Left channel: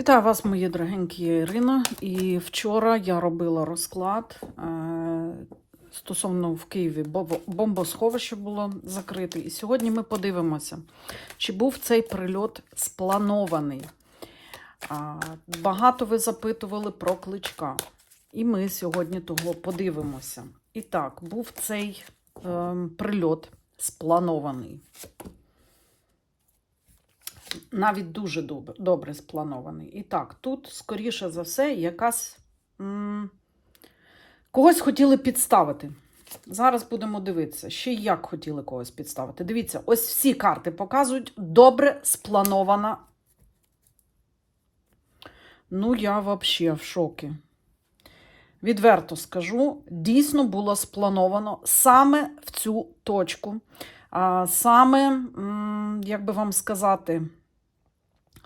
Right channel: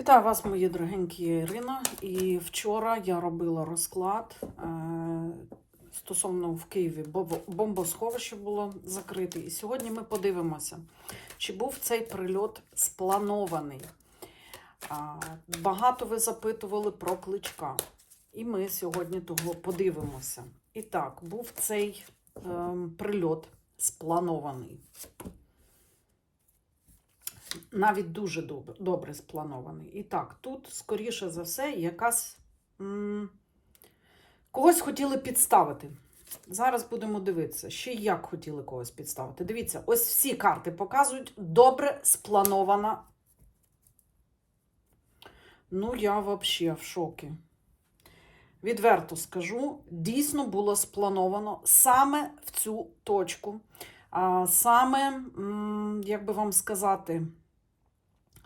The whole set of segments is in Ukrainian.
Вітаю вас, мої дорогенькі Ірина. І вчора я робила розклад е, стосовно в Києві бо- бомбосховище було закрите. І сьогодні ми подивимося, чи був цей прильот спланований. Багато ви запитували про кличка. І ми сьогодні того подивимося. І так, був цей е, прильот спланований навіть дуже добре, добре спланований. І так, тут, скоріше за все, якась когось хотіли підставити. Зараз будемо дивитися, ще як хотіли когось підставити. Дивіться, ось всі карти показують добре спланована. Ну, я взагалі в шокі. Відверто скажу, дійсно було сплановано саме в цю точку. Саме, як би вам сказати,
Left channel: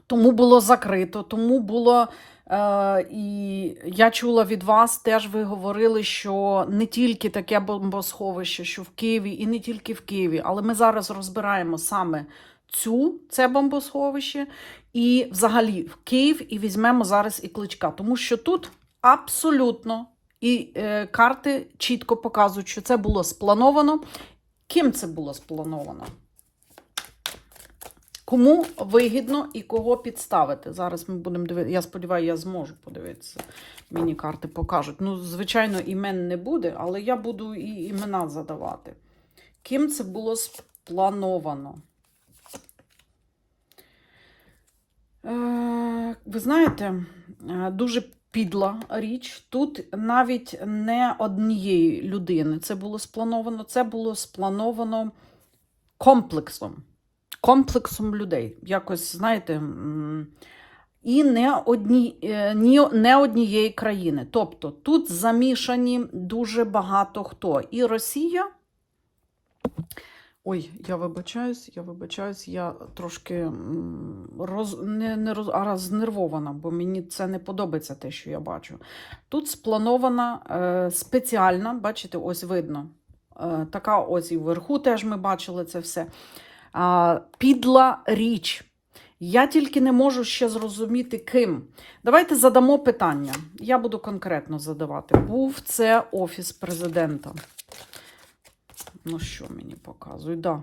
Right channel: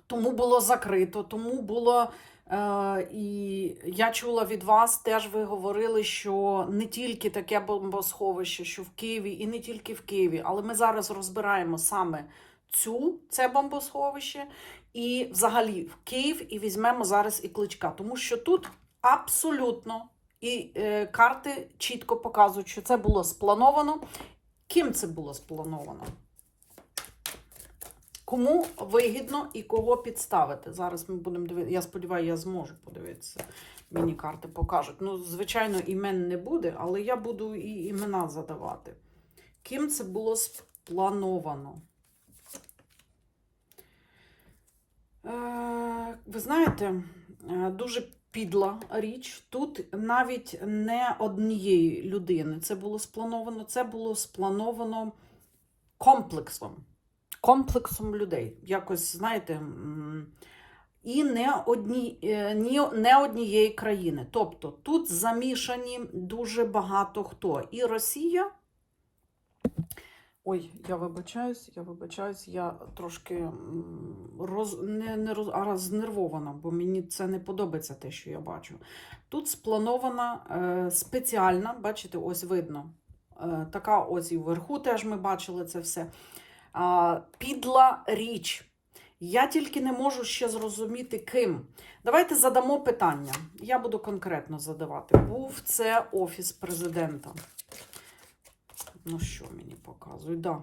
тому було закрито, тому було. Е, і я чула від вас, теж ви говорили, що не тільки таке бомбосховище, що в Києві, і не тільки в Києві, але ми зараз розбираємо саме цю це бомбосховище, і взагалі в Київ і візьмемо зараз і кличка. Тому що тут абсолютно і е, карти чітко показують, що це було сплановано. Ким це було сплановано? Кому вигідно і кого підставити? Зараз ми будемо дивитися. Я сподіваюся, я зможу подивитися. Мені карти покажуть. Ну, звичайно, імен не буде, але я буду і імена задавати. Ким це було сплановано? Е, Ви знаєте, е, дуже підла річ. Тут навіть не однієї людини це було сплановано, це було сплановано комплексом комплексом людей. Якось, знаєте, і не, одні, е, не однієї країни. Тобто тут замішані дуже багато хто. І Росія. Ой, я вибачаюсь, я вибачаюсь, я трошки роз, не, не роз, а знервована, бо мені це не подобається те, що я бачу. Тут спланована е, спеціальна, бачите, ось видно. Е, така ось і вверху теж ми бачили це все а, підла річ. Я тільки не можу ще зрозуміти, ким. Давайте задамо питання. Я буду конкретно задавати. Був це Офіс президента. Ну, що мені показують? Да.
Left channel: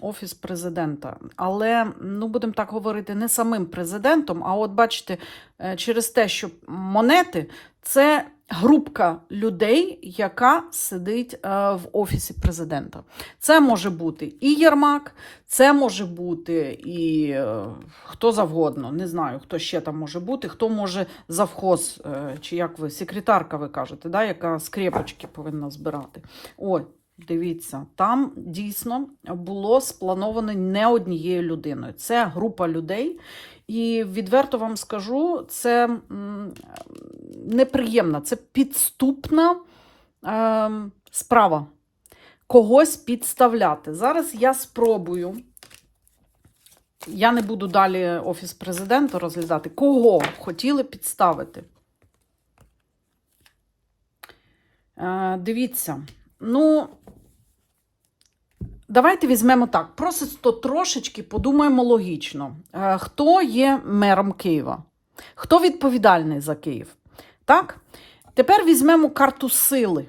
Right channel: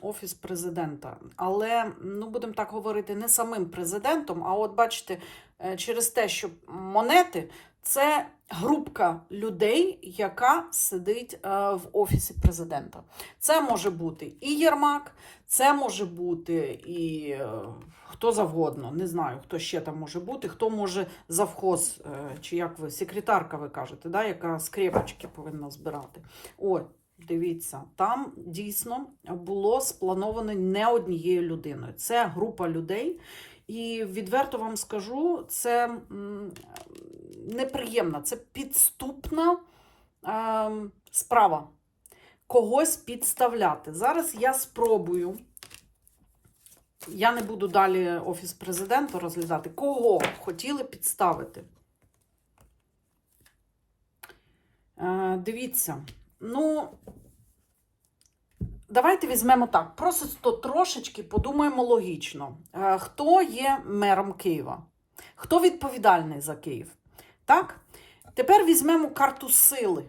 Офіс президента. Але, ну, будемо так говорити, не самим президентом, а от бачите, е, через те, що монети це групка людей, яка сидить е, в офісі президента. Це може бути і Єрмак, це може бути і е, хто завгодно. Не знаю, хто ще там може бути, хто може завхоз, чи як ви, секретарка, ви кажете, да, яка скрепочки повинна збирати. От. Дивіться, там дійсно було сплановано не однією людиною. Це група людей, і відверто вам скажу, це неприємна, це підступна е, справа. Когось підставляти. Зараз я спробую. Я не буду далі Офіс президента розглядати, кого хотіли підставити. Е, дивіться. Ну, давайте візьмемо так. Просто трошечки подумаємо логічно. Е, Хто є мером Києва? Хто відповідальний за Київ? Так? Тепер візьмемо карту сили.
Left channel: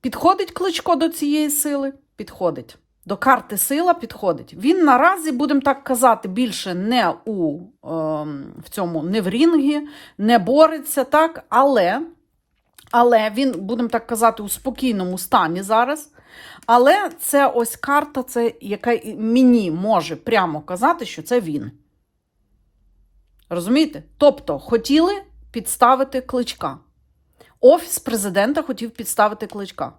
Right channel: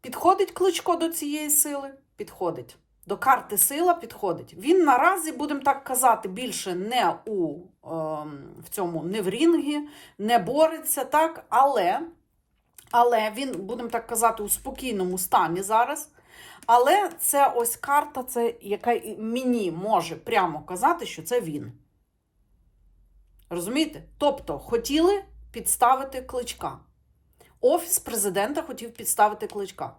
Підходить кличко до цієї сили? Підходить. До карти сила підходить. Він наразі, будемо так казати, більше не у ем, в цьому, не в рінгі, не бореться, так, але. Але він, будемо так казати, у спокійному стані зараз. Але це ось карта, це, яка мені може прямо казати, що це він. Розумієте? Тобто хотіли підставити кличка. Офіс президента хотів підставити кличка.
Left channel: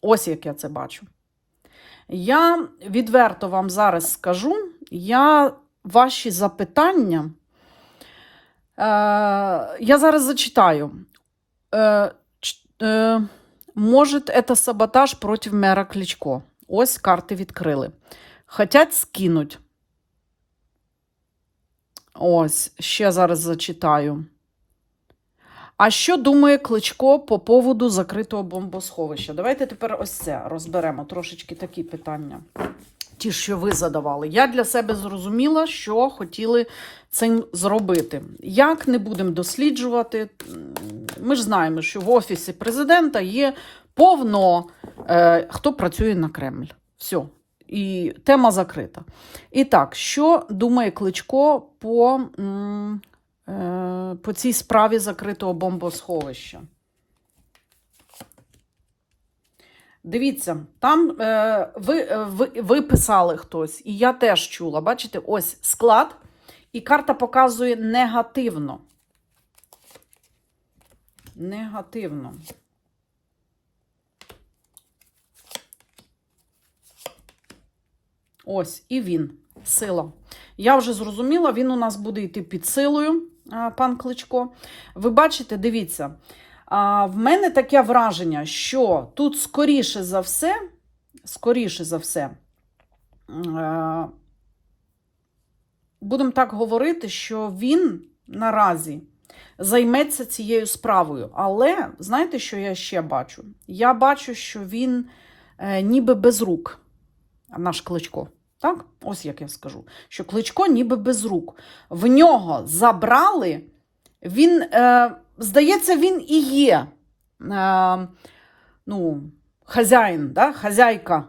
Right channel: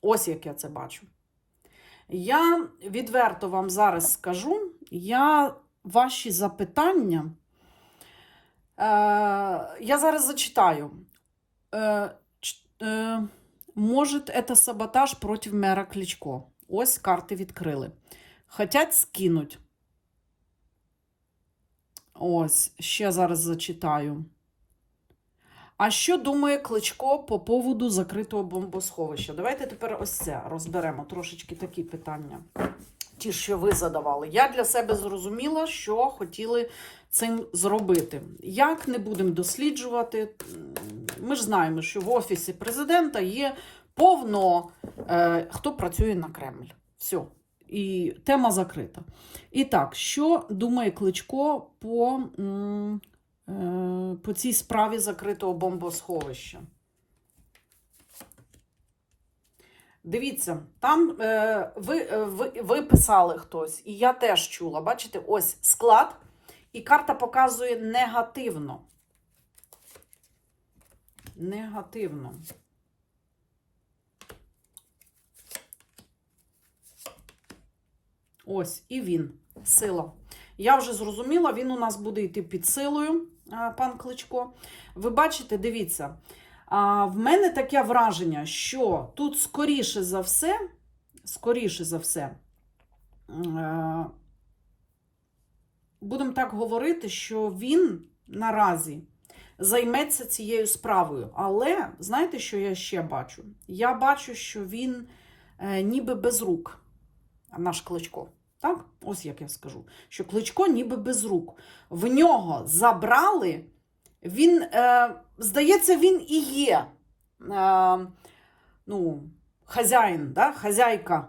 Ось як я це бачу. Я відверто вам зараз скажу, я ваші запитання. Е, я зараз зачитаю. Е, е, Може, це саботаж проти мера Кличко. Ось карти відкрили. Хотять скинуть. Ось, ще зараз зачитаю. А що думає Кличко по поводу закритого бомбосховища? Давайте тепер ось це розберемо трошечки такі питання. ті, що ви задавали. Я для себе зрозуміла, що хотіли цим зробити. Як не будемо досліджувати, ми ж знаємо, що в офісі президента є повно е, хто працює на Кремль. Все. І тема закрита. І так, що думає Кличко по, е, по цій справі закритого бомбосховища? Дивіться, там е, ви, е, ви, ви писали хтось, і я теж чула. Бачите, ось склад, і карта показує негативно. Негативно. Ось, і він. Сила. Я вже зрозуміла, він у нас буде йти під силою, пан Кличко. Ви бачите, дивіться. В мене таке враження, що тут скоріше за все, скоріше за все, будемо так говорити, що він наразі займеться цією справою. Але знаєте, що я ще бачу? Я бачу, що він е, ніби без рук, наш кличко. Так? Ось як я скажу, що кличко ніби без рук. В нього забрали, він, е, здається, він і є е, ну, хазяїн, да? хазяйка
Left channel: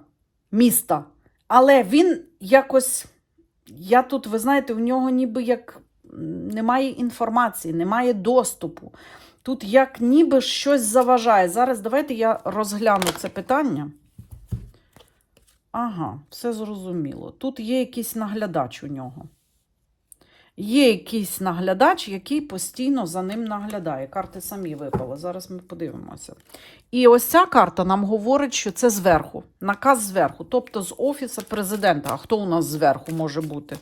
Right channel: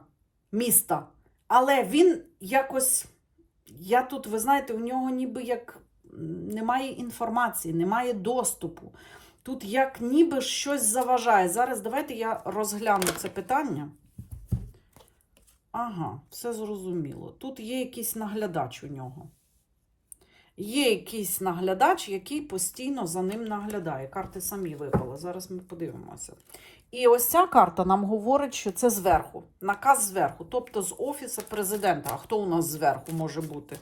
міста. Але він якось, я тут, ви знаєте, у нього ніби як немає інформації, немає доступу. Тут як ніби щось заважає. Зараз давайте я розгляну це питання. Ага, все зрозуміло. Тут є якийсь наглядач у нього. Є якийсь наглядач, який постійно за ним наглядає. Карти самі випали. Зараз ми подивимося. І ось ця карта нам говорить, що це зверху. Наказ зверху, тобто з Офісу президента. А хто у нас зверху може бути?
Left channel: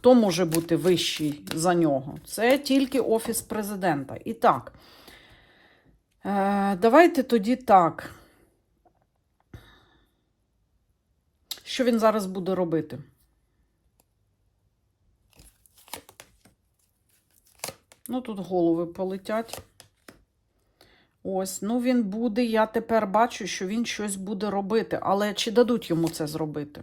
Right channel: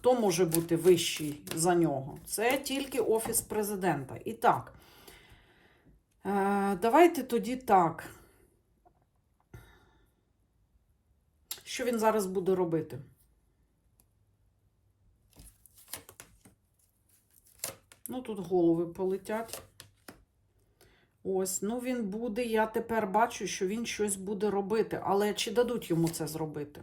Хто може бути вищий за нього? Це тільки Офіс президента. І так, е, давайте тоді так. Що він зараз буде робити? Ну, тут голови полетять. Ось, ну він буде, я тепер бачу, що він щось буде робити. Але чи дадуть йому це зробити?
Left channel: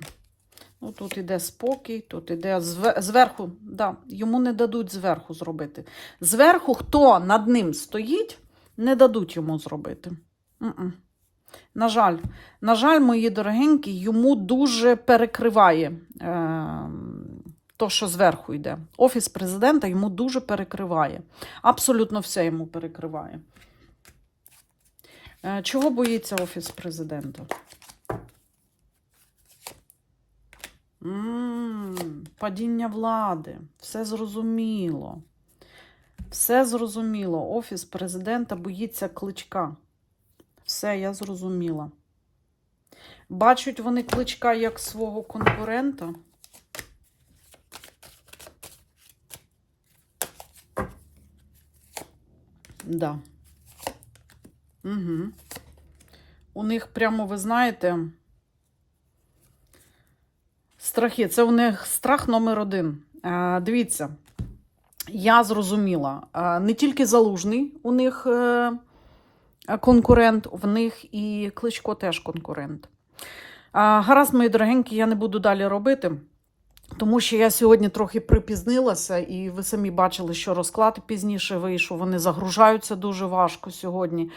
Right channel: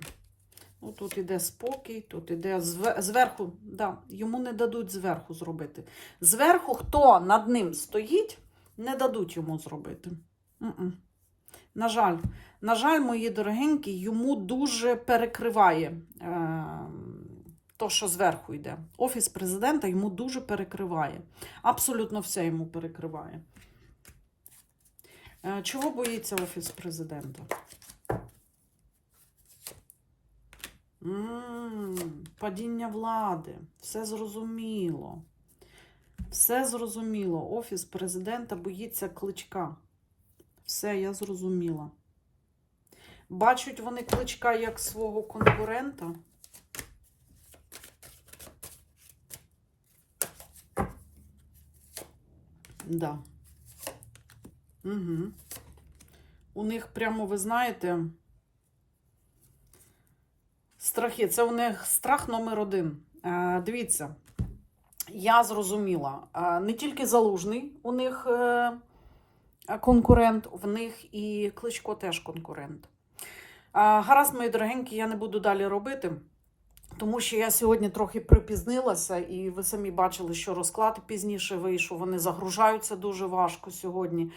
Ну, тут іде спокій, тут іде зверху, да, йому не дадуть зверху зробити. Зверху, хто над ним стоїть, не дадуть йому зробити. М-м. На жаль, на жаль, мої дорогенькі, йому дуже перекриває е, то, що зверху йде. Офіс президента йому дуже перекриває. Абсолютно все йому перекриває. Е, чого боїться Офіс президента? М, Падіння влади. Все зрозуміло. Все зрозуміло. Офіс президента боїться кличка. Все, я зрозуміла. Бачать вони кличка як свого конкурента. Да. Угу. У них прямо, ви знаєте, страхи. Це у них страх номер один. Е, дивіться, я зрозуміла, е, не тільки залужний у них е, конкурент, в них і Кличко теж конкурент. Гаразд, мої дорогенькі, я не буду далі робити. Тому що я сьогодні трохи припізнилася, і ви самі бачили, що розклад пізніше вийшов. Вони загружаються дуже важко сьогодні.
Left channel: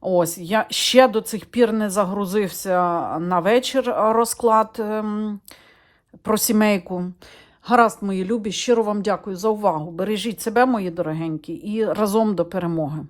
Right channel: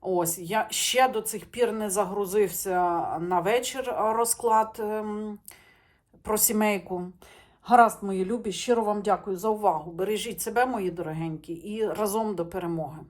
Ось, я ще до цих пір не загрузився на вечір розклад ем, про сімейку. Гаразд, мої любі, щиро вам дякую за увагу. Бережіть себе, мої дорогенькі, і разом до перемоги.